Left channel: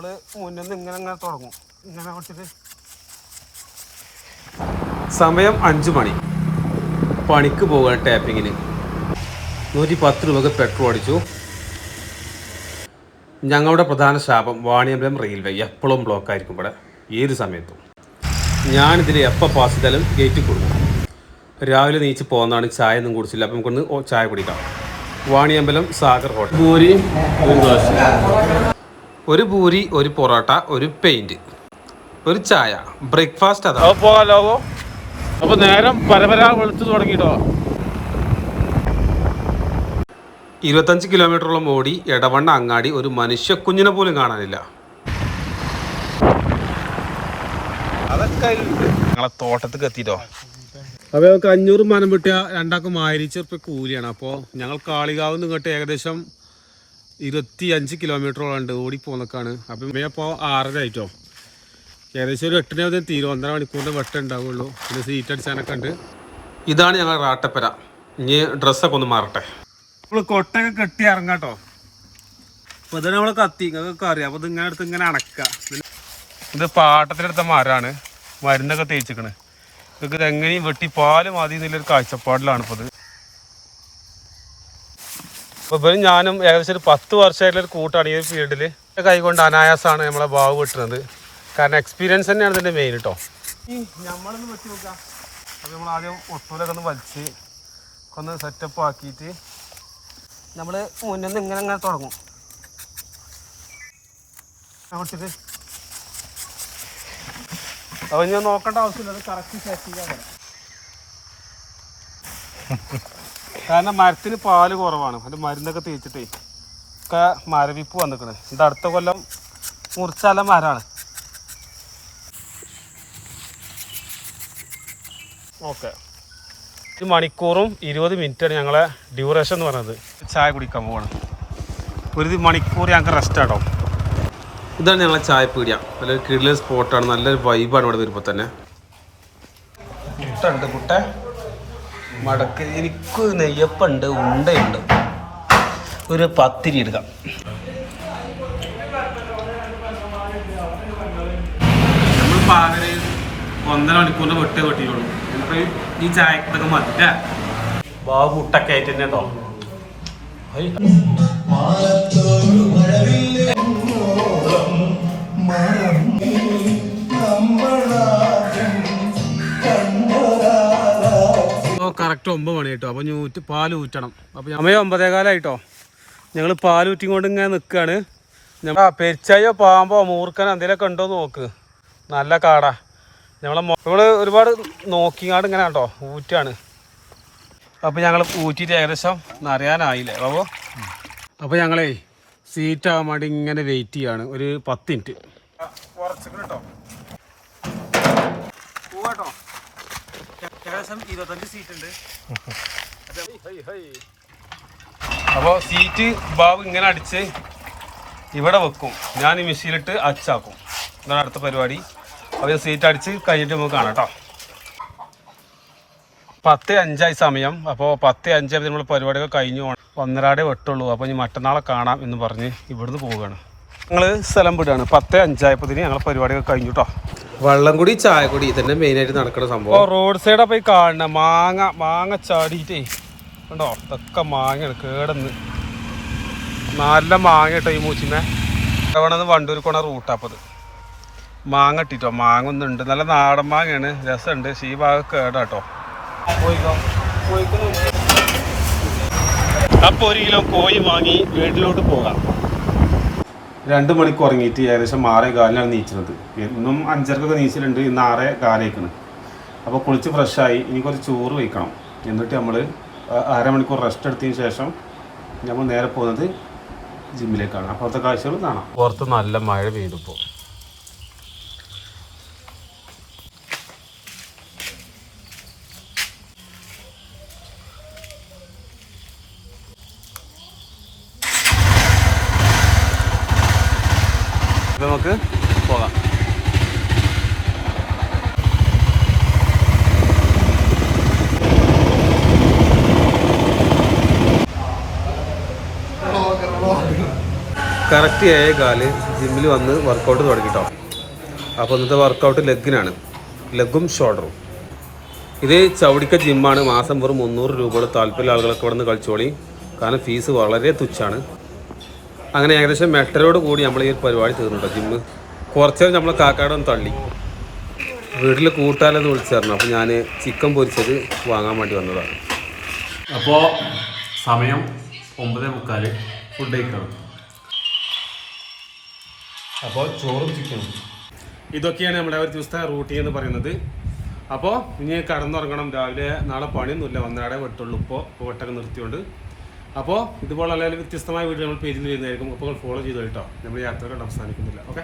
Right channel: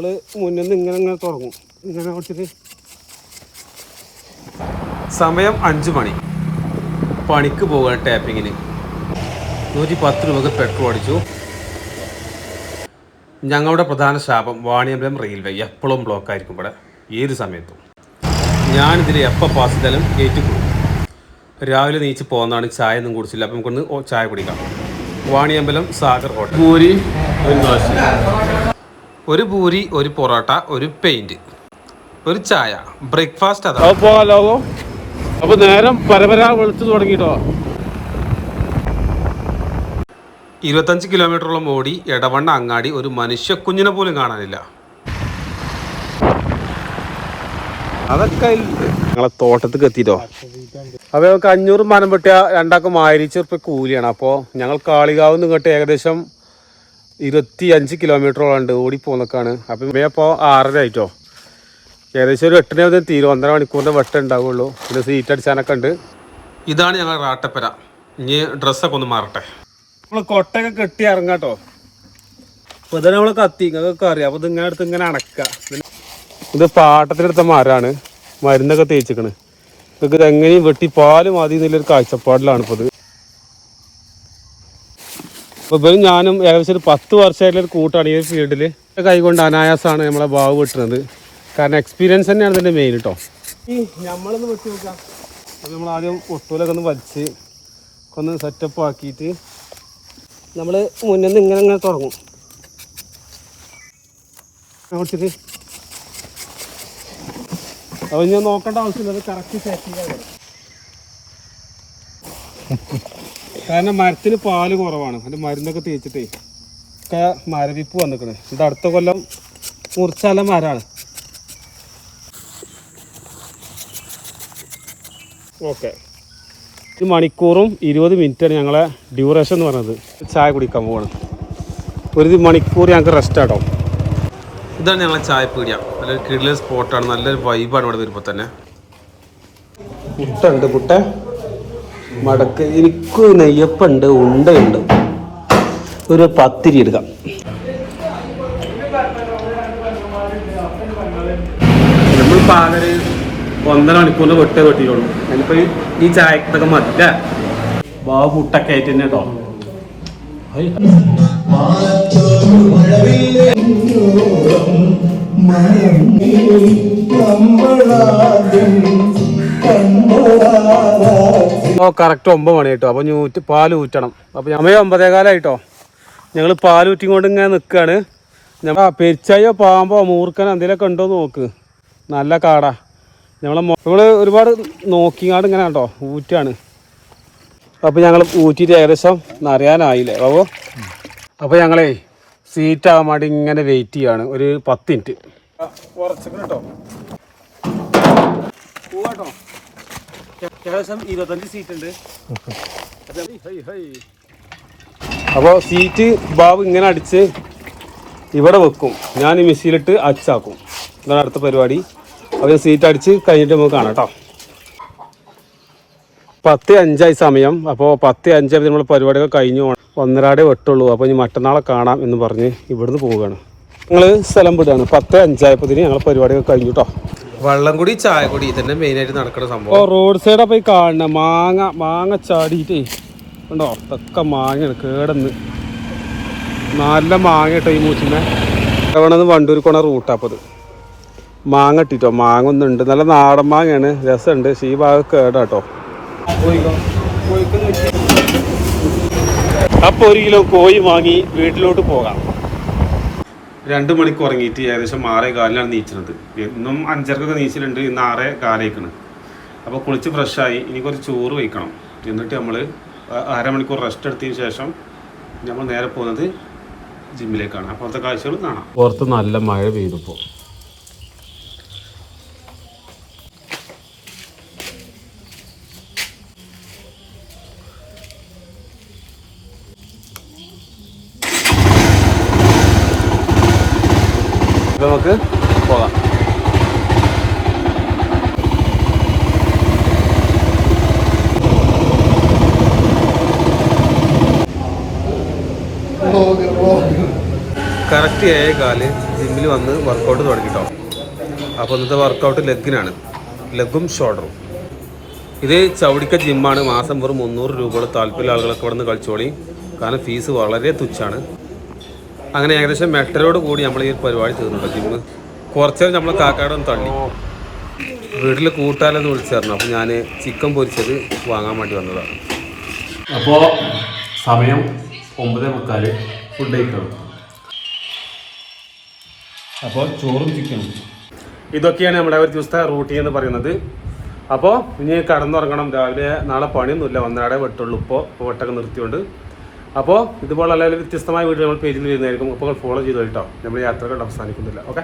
നമ്മൾ മുന്നിൽ നിന്ന് ഇങ്ങനെ ഇങ്ങനെ തുടങ്ങും. ഇങ്ങനെ ഓടിച്ചിട്ട്. സമയം അഞ്ചു മണി. പണിക്ക് പോകാൻ ടാപ്പിങ്ങിന്. നൂറ്റി പത്ത് രൂപക്ക് പെട്രോൾ അടിച്ചു. ഞങ്ങളുടെ പ്രധാന ശാപം വാണിയമ്പലം റെയിൽവേ എപ്പോഴും ബ്ലോക്ക് ആയിരിക്കും ഇവിടെ. ഏത് സമയത്തും. ഞാനിതിൽ എപ്പോൾ പാസ് ചെയ്താലും ഗേറ്റ് കൊടുക്കും രാവിലെ നീച്ച് പോകുന്നതാണ് ചായ ഒന്നും കുടിച്ചില്ല. അപ്പം നമുക്കൊന്ന് ചായ കുടിക്കാം. വാണിയമ്പലം സാഗർ ഹോട്ടൽ. പൂരി ഒരു ദോശ. ഒരു പൂരി ഒരു പൊറോട്ട ഒരു പെയിന്റ് ഒരു ചായ. ബ്രേക്ക്ഫാസ്റ്റ് അതാണ് അപ്പൊ നേരം പരപര വെളുത്തു തുടങ്ങിട്ടോ. ഇരുപത്തഞ്ച് കിലോമീറ്ററോളം ഓടി എടവണ്ണ അങ്ങാടി ഒരു മനുഷ്യ കുഞ്ഞിനെ പോലും കാണാനില്ല. അതൊക്കെ ഞങ്ങളെ തോട്ടത്തേക്ക് എത്തിട്ടോ അപ്പൊ ഞങ്ങൾക്ക് അഞ്ഞൂറ് മനം വെട്ടിയ രണ്ടാക്കും ആയിരം റുപ്യ കൂലിയാണ്. അപ്പോൾ ഞങ്ങൾ കാളികാവ് നിന്ന് ഇങ്ങോട്ട് ഏകദേശം ഇരുപത്തി അഞ്ച് കിലോമീറ്ററോളം ഉണ്ട് ഓടി പോന്നൊക്കെയാണ് അപ്പം ഇപ്പോൾ ആറര ആയിട്ടോ. ഏകദേശം ഒരു എട്ടിനെ മുതൽ തീരും ഒന്നര മണിക്കൂറിന്റെ വെട്ടം ഉണ്ടാവുള്ളൂ പിന്നെ സീറ്റ് അടിച്ചാനൊക്കെ ഉണ്ട് ഇതാണ് ഞങ്ങൾ റാട്ടപ്പര. ഇനി ഡ്രസ്സൊക്കെ ഒന്ന് മാറട്ടെ. നമ്മൾ കൊട്ടയൊക്കെ കെട്ടി ഇറങ്ങാട്ടോ. അപ്പോൾ ഇതാണ് നമ്മൾ കത്തി. നിങ്ങൾക്ക് അറിയാം. അപ്പോൾ ഇത് ഇങ്ങനെ എടുത്ത് ഇങ്ങനെ അടക്കുക ഇത് പാട്ടത്തിനെടുത്ത മരമാണ് മരുന്നൊക്കെ തേച്ചിക്കണ്. നിങ്ങൾക്ക് ഇത് എങ്ങനെയും വെട്ടി പാൽ മതി എന്നുള്ളൊരു കാഴ്ചപ്പാടിലാണ് ഇപ്പോൾ ഇത്. അപ്പോൾ ഇവരും ഞാനും ഏകദേശം ഒരു പത്ത് വർഷമായിട്ടുള്ള ഒരു കൂട്ടാണ് ഈ ഫീൽഡിൽ കൈകൊണ്ട് അനായാസമാണ് നമ്മളെ ഭാവ് വെട്ടുന്നത് കാരണം എക്സ്പീരിയൻസ് തന്നെയാണ് ഇതിന്റെ മെയിൻ കേട്ടോ ഈ നമ്മളൊന്ന് വെച്ച് നോക്കാം. അപ്പോൾ നമ്മൾ ആദ്യം ഒട്ടൂലൊക്കെ ഒന്ന് വലിച്ച് ഒന്ന് സെറ്റപ്പ് ആക്കിയിട്ട് നമ്മൾ മുന്നിൽ നിന്ന് ഇങ്ങനെ ഇങ്ങനെ തുടങ്ങും. അപ്പൊ ഞാൻ നോക്കേണ്ട ആവശ്യമില്ല. കറക്റ്റ് സെറ്റിംഗ് കാരണം മരത്തിന് പാൽ കുറവാണ്. അതിന്റെ മരുന്നൊക്കെ തേച്ചിട്ടേ ഒക്കെ മരവിപ്പ് വന്നിക്കണേ. ഇത് അടുത്ത കൊല്ലം മുറിച്ചാല മരമാണ് ഓക്കെ. ഒരു മണിക്കൂറും ഇരുപത് മിനിറ്റാണ് ഞങ്ങളെ ഡ്യൂറേഷൻ എന്ന് പറയുന്നത് ചായ കുടിക്കാൻ പോകണം ഒരു മണിക്കൂർ ഞങ്ങൾക്ക് റെസ്റ്റ് ആട്ടോ. ഇതാണ് ഞങ്ങളെ ചായപ്പീടിയ നല്ലൊരു കിടിലൊരു സ്പോട്ടാണ് നല്ലൊരു വൈബാണ് ഇവിടെ വരുമ്പോൾ തന്നെ. പുട്ടുണ്ട് പുട്ട മടക്ക്. എനിക്ക് നെയ്യപ്പുണ്ട് ഉണ്ടയുണ്ട്. ഒരു പത്തിരി എടുക്കാം. നമ്മൾ പാലര് ഒന്നര മണിക്കൂറിന് വെട്ടേ വെട്ടിയുള്ളൂ അതിലിപ്പോ ഈ- ചായക്കൊക്കെ മതി അല്ലേ ആയിട്ട് തന്നെ കേട്ടോ കറക്റ്റ് ഒമ്പത് മണി കേട്ടോ അപ്പോൾ ഊറ്റ് പാൽ ഊറ്റണം. അപ്പോൾ അമ്മയെ ഒമ്പതേകാലായിട്ടോ ഞങ്ങൾ പാൽ ഊറ്റിക്കൊണ്ട് ഇങ്ങനെ നിൽക്കുകയാണ് പെരിച്ചായോ പാമ്പോ മൂർക്കനോ എന്തെങ്കിലുമൊക്കെ ഉണ്ടോ എന്ന് നോക്ക്. നല്ല കാടാ. ഞങ്ങളെ നമ്മൾ ഒരുപാട് നോക്കിങ്ങാട് ഇങ്ങനെ കേട്ടോ ഊറ്റാണ്. അപ്പോൾ ഞങ്ങൾ ഊറ്റിയിട്ട് ഏകദേശം നിറയാനായില്ലേ അപ്പോൾ അപ്പോൾ ഞങ്ങളേ സീറ്റ് ആവാൻ വേണ്ടി ഇങ്ങനെ വെയിറ്റ് ചെയ്യാണ്. ഒരു പത്ത് മിനിറ്റ് കേട്ടോ പോവാട്ടോ ഏകദേശം ഇരുപത്തഞ്ച് സീറ്റ് ഉണ്ട്. അപ്പോൾ സീറ്റ് ബാബ് ഇങ്ങനെ അടിച്ച് ഇവിടെ വെക്കും. ഞാൻ ഈ മെഷീനിലിട്ട് അച്ചാക്കും. ഇതാണ് അടുത്ത പരിപാടി. അപ്പോൾ സീറ്റ് അടിച്ച് കഴിഞ്ഞിട്ട് നമുക്ക് കാണാം കേട്ടോ പത്ത് അഞ്ചായി സമയം. അപ്പോൾ പത്ത് അഞ്ചായി നമ്മൾ പരിപാടികൾ കഴിഞ്ഞു. ഒന്നരാടെ വെട്ടുള്ളൂ. അപ്പോൾ ഇനി മറ്റന്നാളെ കാണാം എന്ന് പറഞ്ഞ് ഇവിടുന്ന് പോവുകയാണ്. ഞങ്ങൾ സ്ഥലം വിടുകയാണ്. പത്ത് അഞ്ചായപ്പത്തിന് ഞങ്ങൾ പരിപാടികൾ കഴിഞ്ഞു കേട്ടോ വള്ളം കൂടി ചായ കൂടി ഇതന്നെ മെയിൻ ആയിട്ട് നടക്കുന്ന സംഭവം. റോഡ് സൈഡ് പോയി കാണണ. മാങ്ങ മാങ്ങ ചാടിയിട്ടേ. ഉണ്ടോ ഇതൊക്കെ മാങ്ങയാണ് കേടന്ന്. നല്ല മാങ്ങ കേട്ടോ ഈ മൂച്ചിനെ ഇവിടെ വണ്ടൂർ കൊണ റൂട്ടാപ്പത് മാങ്ങ ഇട്ടിട്ടോ? മാങ്ങ ഒന്നുണ്ട് നല്ല നാടൻ മാങ്ങയാണ്. രസമുണ്ട്. പക്ഷേ ഈ ഭാഗം കേടാട്ടോ അപ്പൊ ഒരു കിലോ കോഴി വാങ്ങി വീട്ടിലോട്ട് പോകാം. രണ്ട് മണിക്ക് ഉറങ്ങിയിട്ട് ഏകദേശം ആറേ കാലിനാണ് നീച്ചണത്. ഇന്നും അഞ്ചരക്കൊക്കെ നീച്ചിട്ടുണ്ട് ഇന്ന് ആറേ കാലേക്കാണ്. അപ്പോൾ കുളിച്ച് ഫ്രഷായി ഇനി കുറച്ച് ചോറ് വയ്ക്കണം. എന്നിട്ട് നമ്മൾ അരമണിക്കൂർ റെസ്റ്റ് എടുത്തതിന് ശേഷം നമ്മൾ നേരെ പോകുന്നത് ജിമ്മിലേക്കാണ് അപ്പോഴത്തെ കാഴ്ചകൾ കാണാം. പുറത്ത് നല്ല മഴ പെയ്തപ്പോൾ നമുക്ക് പോകാം. കറക്റ്റ് ആയ കാൽ ജിമ്മിൽ വന്ന് വർക്കൗട്ട് തുടങ്ങിട്ടോ. അപ്പോൾ ഇന്നത്തെ വർക്കൗട്ട് ലെഗിനാണ്. ലെഗും ഷോൾഡറും ഇത് ചവിടിക്ക ജിമ്മാണ് മാസം വെറും മുന്നൂറ് രൂപയുടെ താല്പര്യമുള്ള ആളുകളൊക്കെ ഇവിടെ നിന്ന് കളിച്ചോളി. കാരണം ഫീസ് വളരെ തുച്ഛാണ്. അങ്ങനെ ഏകദേശം മെട്ടലോട് കൂടി നമ്മൾ ഈ പരിപാടി തീർന്നുണ്ടോ ജിമ്മ് കുറച്ചേരം നമ്മൾ കാക്കാടൊന്ന് തള്ളി. വീട്ടിൽ കൂട്ടാലെന്ന് വിളിച്ചായിരുന്നു. അപ്പോൾ ഞാൻ ചിക്കൻ പൊരിച്ചത് വാങ്ങാൻ വേണ്ടി വന്നതാണ്. അപ്പോൾ സമയം ഒമ്പതേ മുക്കാൽ. ഫുഡ് കഴിക്കണം. അപ്പോൾ ചോറും ചിക്കനും. ഇതൊക്കെയാണ് നമ്മുടെ ഒരു ദിവസത്തെ റൂട്ടീൻ എന്ന് പറയുന്നത്. അപ്പോൾ ഇനി കടന്നുറങ്ങണം. രാവിലെ നാളെ പണിയൊന്നുമില്ല. ഒന്നരാടെ വെട്ടുള്ളൂ. ഇപ്പോൾ വെട്ടൊക്കെ നിർത്തിയോണ്ട്. അപ്പോൾ ഇതുപോലെ അല്ലെങ്കിൽ വ്യത്യസ്തമായ വീഡിയോ നമ്മൾ പേജിൽ വരുന്നതായിരിക്കും. അപ്പോൾ ഫോളോ ചെയ്തു കേട്ടോ. നമ്മൾ യാത്രകൾ അവസാനിക്കുന്നില്ല. ഓക്കെ